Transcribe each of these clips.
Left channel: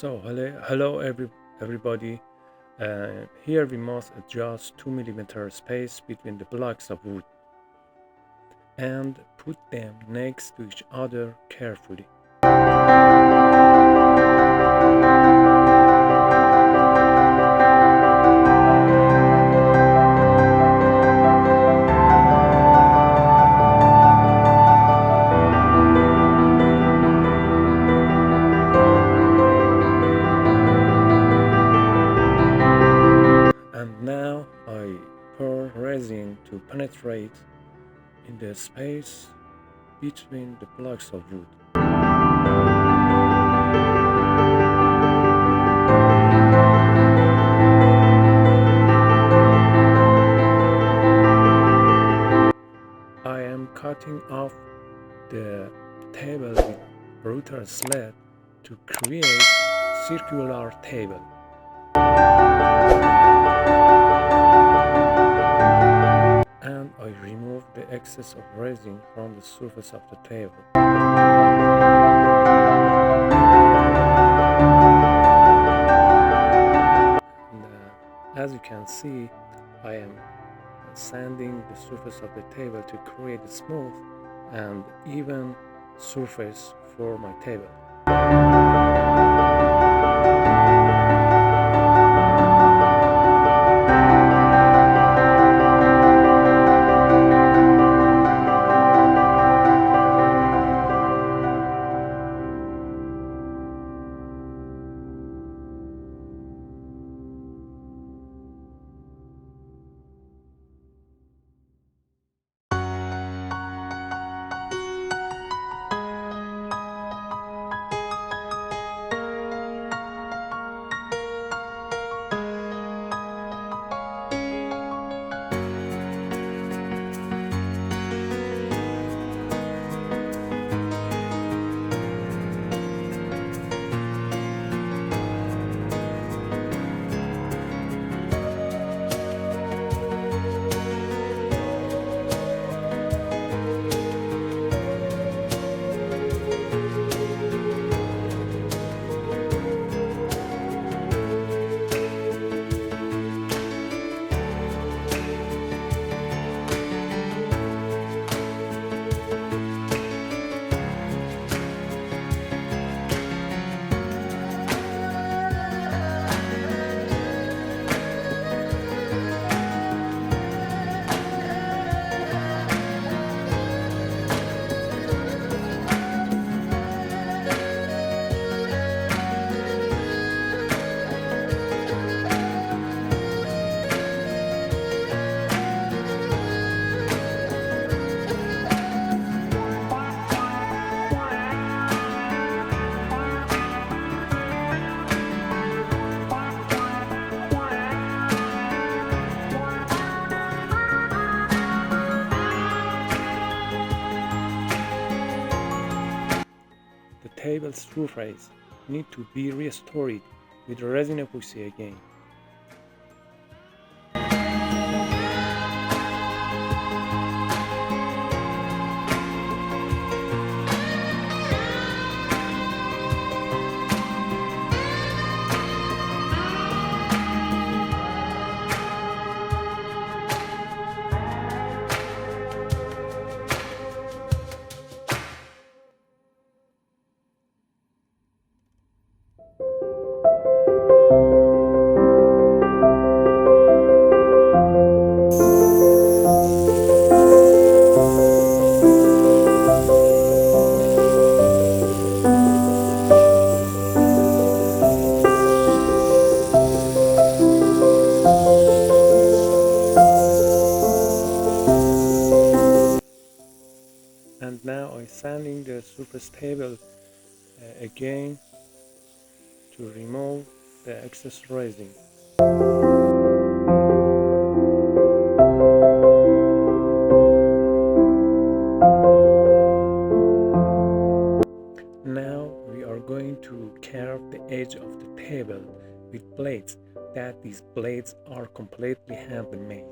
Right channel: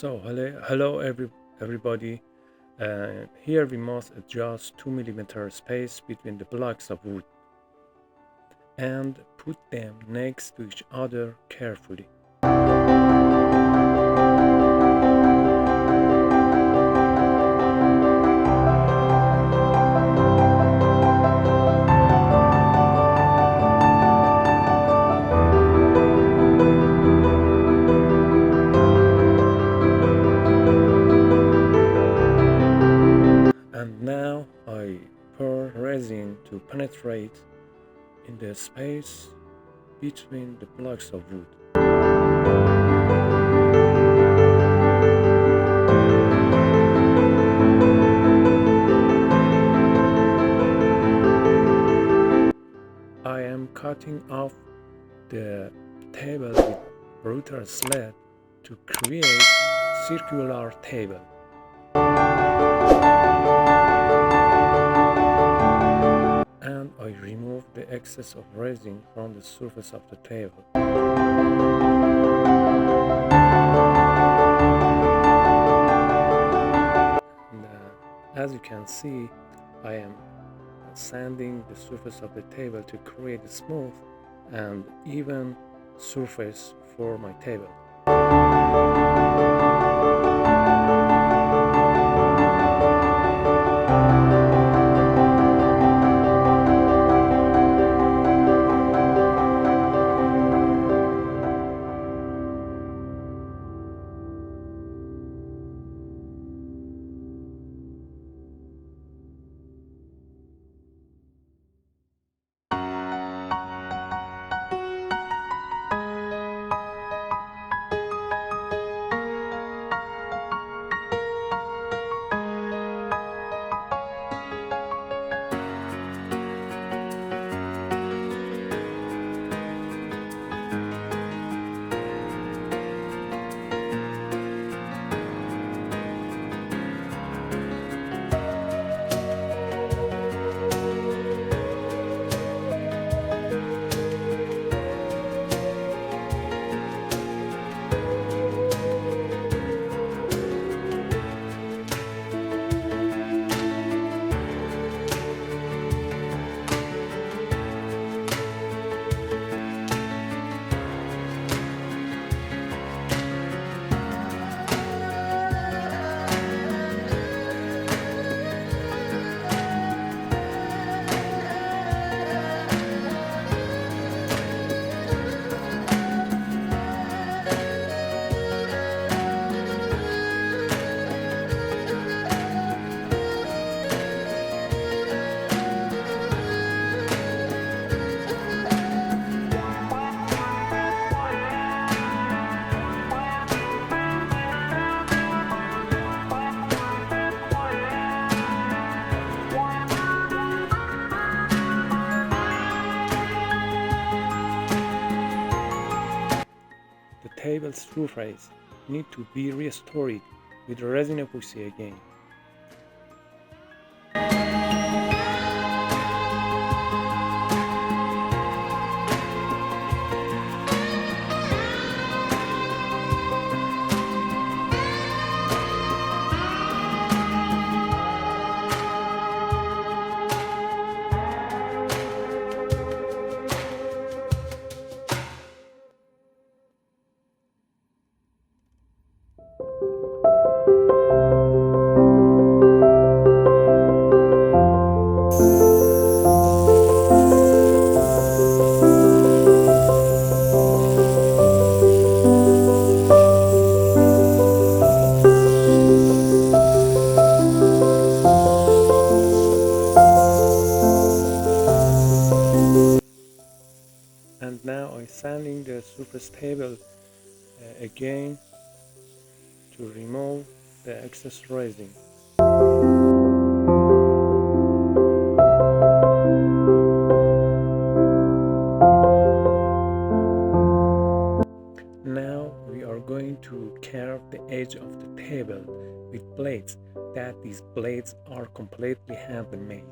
Hello everybody. Here we must adjust 2 mm space between the blocks of wood and put them next to each other carefully. And now I pour resin to penetrate in the space between the blocks of wood. I am cutting off the table with router sled to create circular table. And I remove the excess of resin from the surface of the table. And, as you can see, I am sanding the surface of the table to create a smooth and even surface for my table. The table's surface need to be restored with resin epoxy again. And now I'm sanding the surface table again to remove the excess resin. Now we are going to carve the edge of the table with blades. That these blades are completely handmade.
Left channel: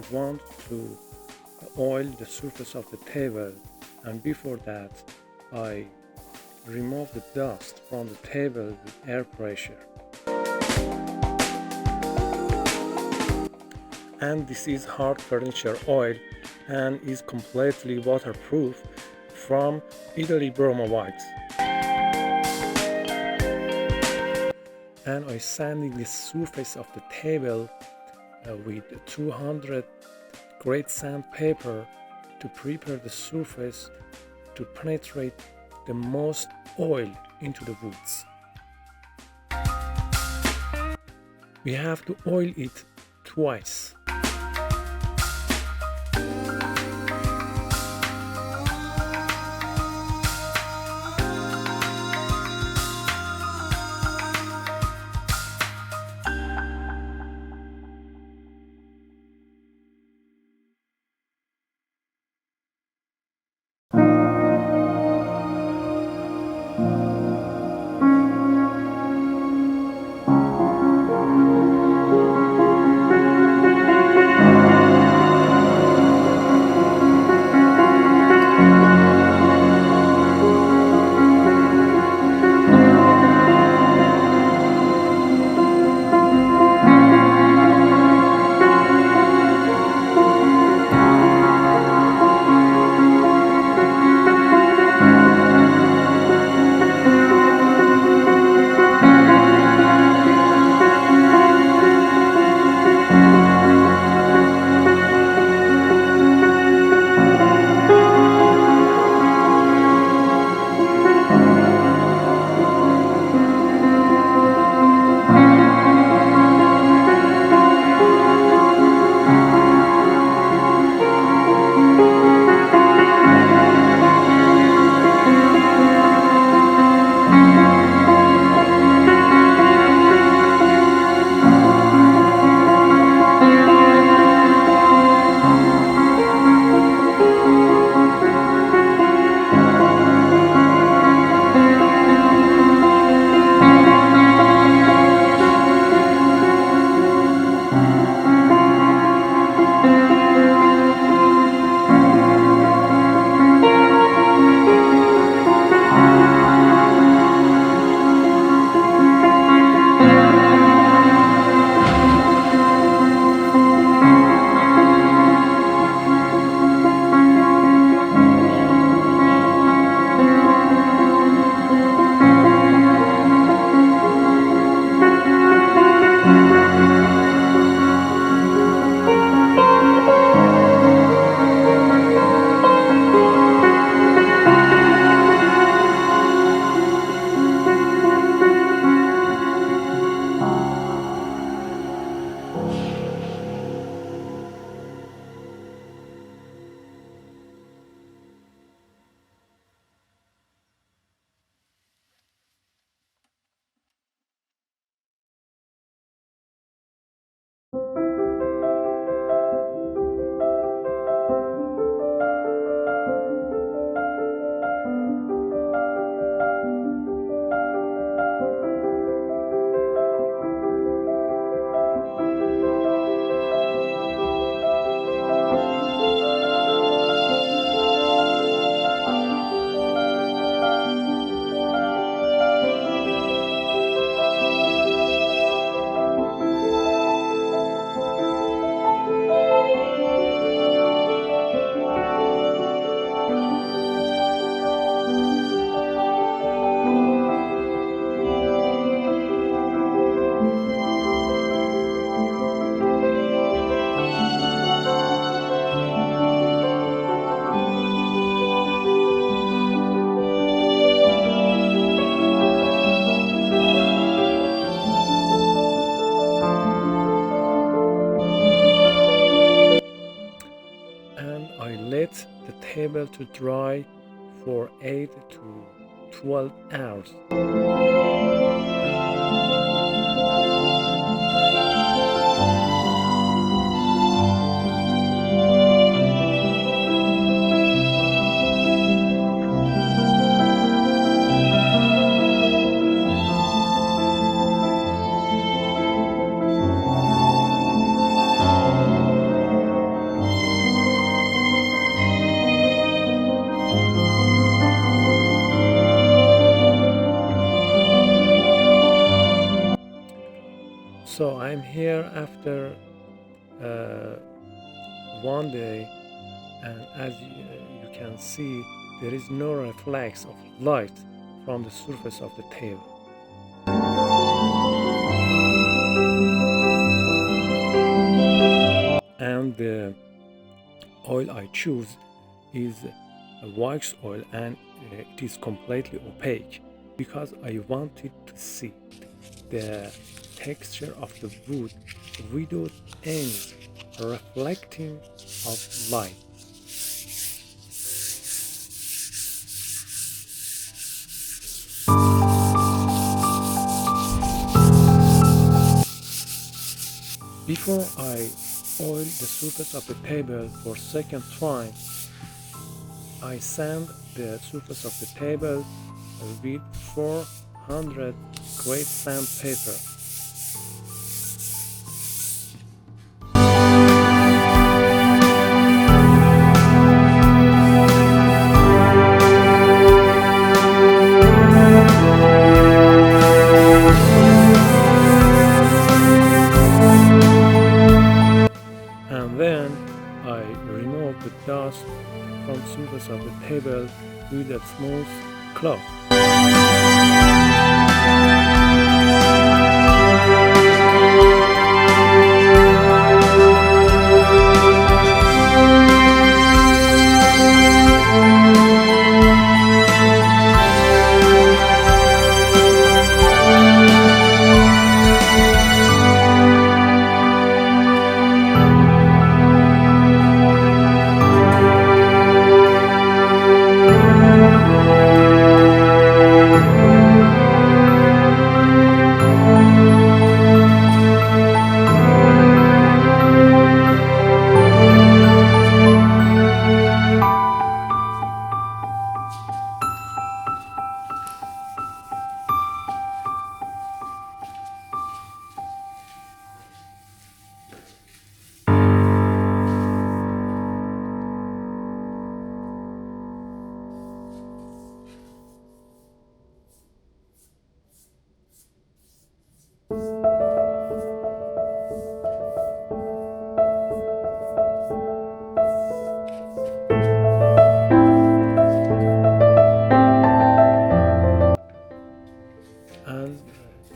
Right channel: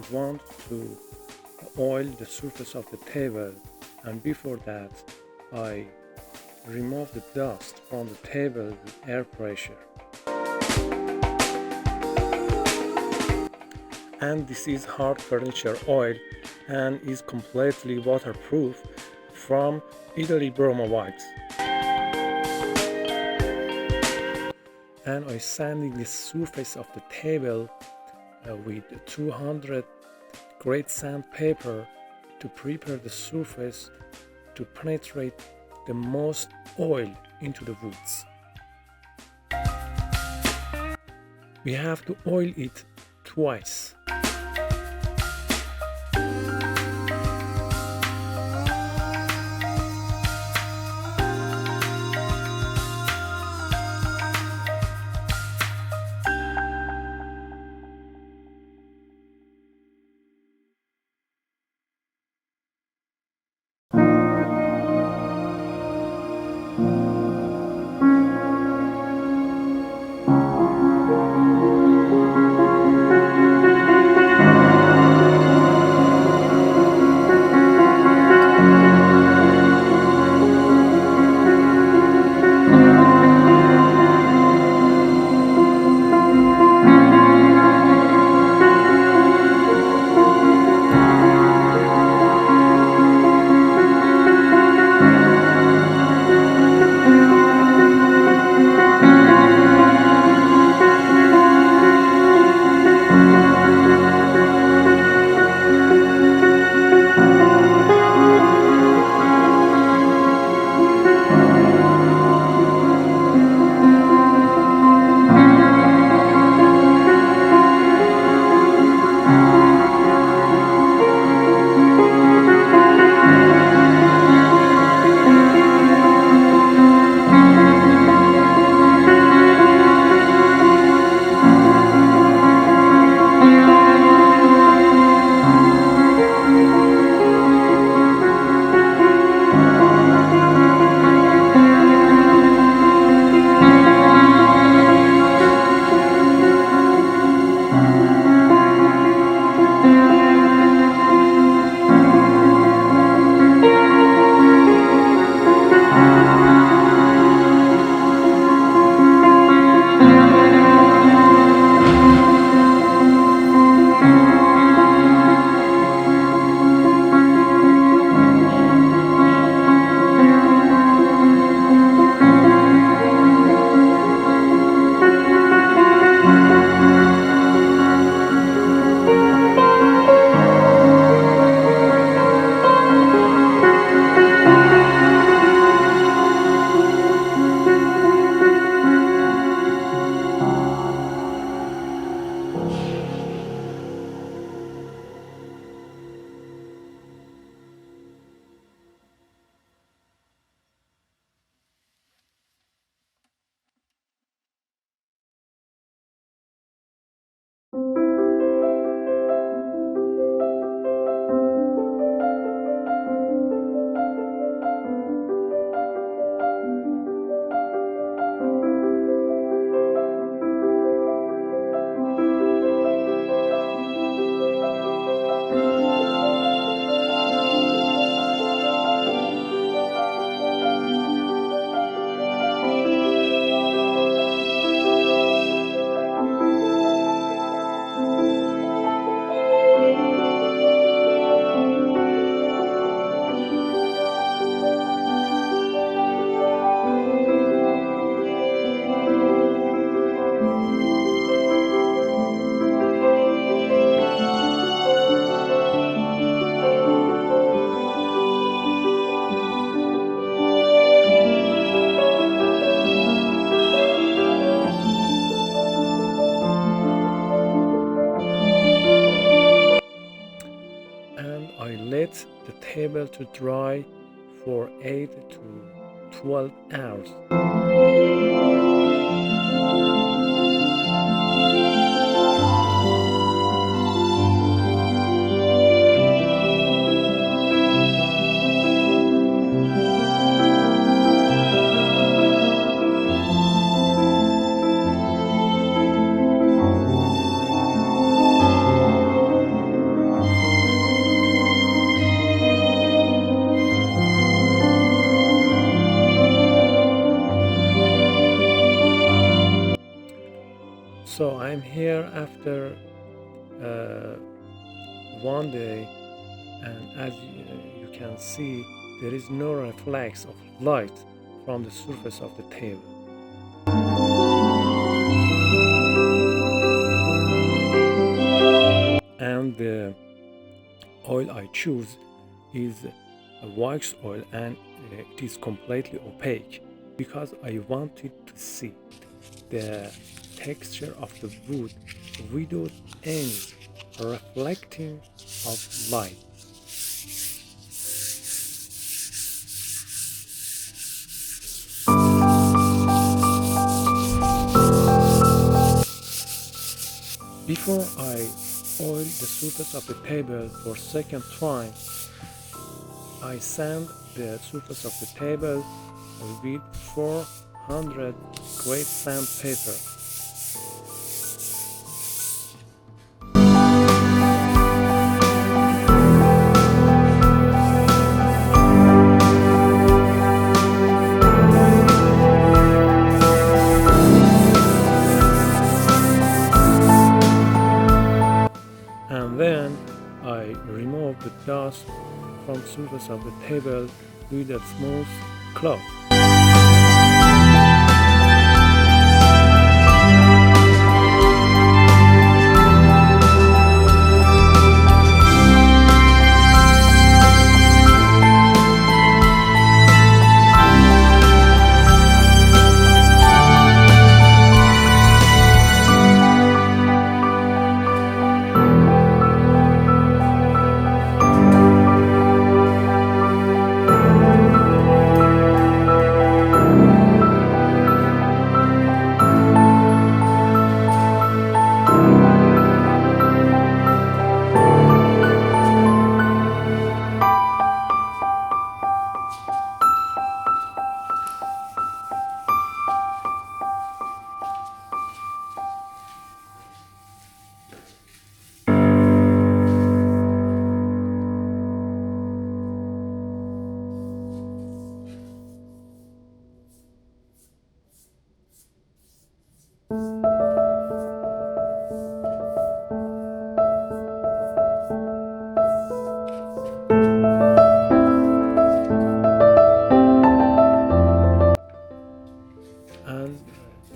I want to oil the surface of the table, and before that I remove the dust from the table with air pressure. And this is hard furniture oil and is completely waterproof from Italy Borma Wachs. And I sanding the surface of the table with 200 grade sandpaper to prepare the surface to penetrate the most oil into the woods. We have to oil it twice. let the table to dry for 8 to 12 hours. So I'm here after one day, and as you can see, there is no reflex of light from the surface of the table. And the oil I choose is a wax oil, and it is completely opaque because I wanted to see the texture of the wood without any reflecting of light. Before I oil the surface of the table for second time, I sand the surface of the table with 400 grade sandpaper. And then I remove the dust from the surface of the table with a smooth cloth.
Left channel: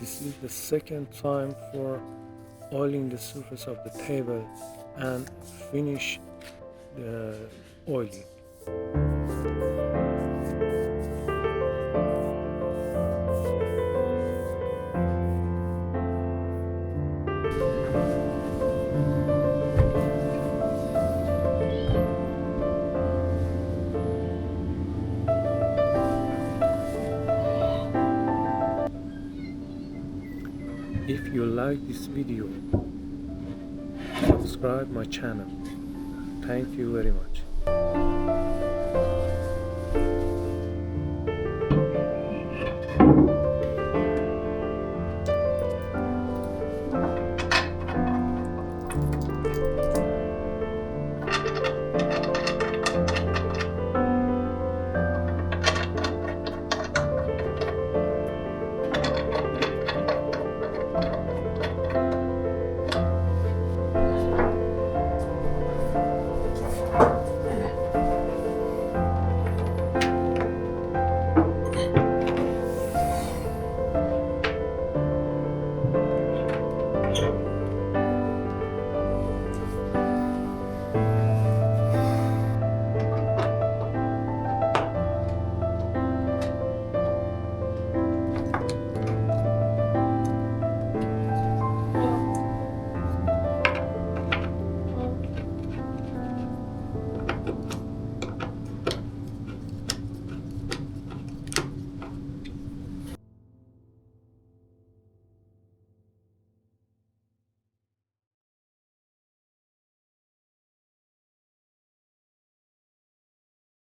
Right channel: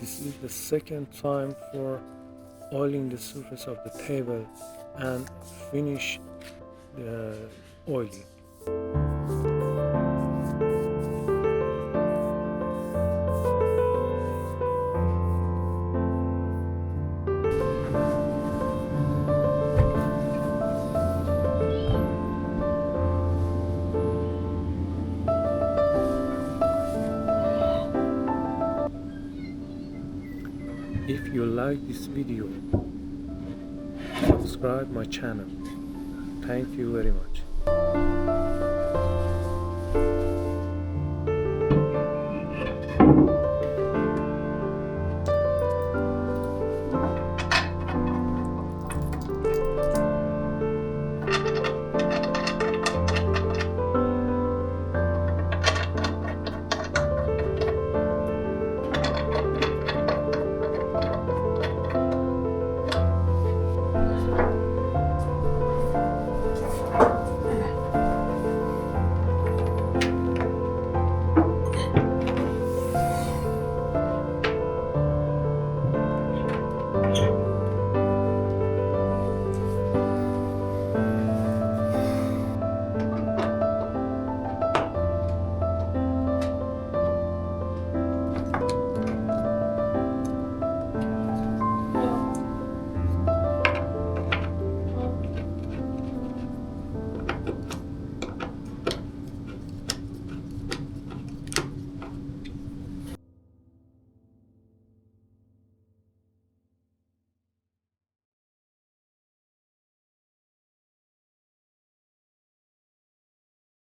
This is the second time for oiling the surface of the table and finish the oiling. If you like this video, subscribe my channel. Thank you very much.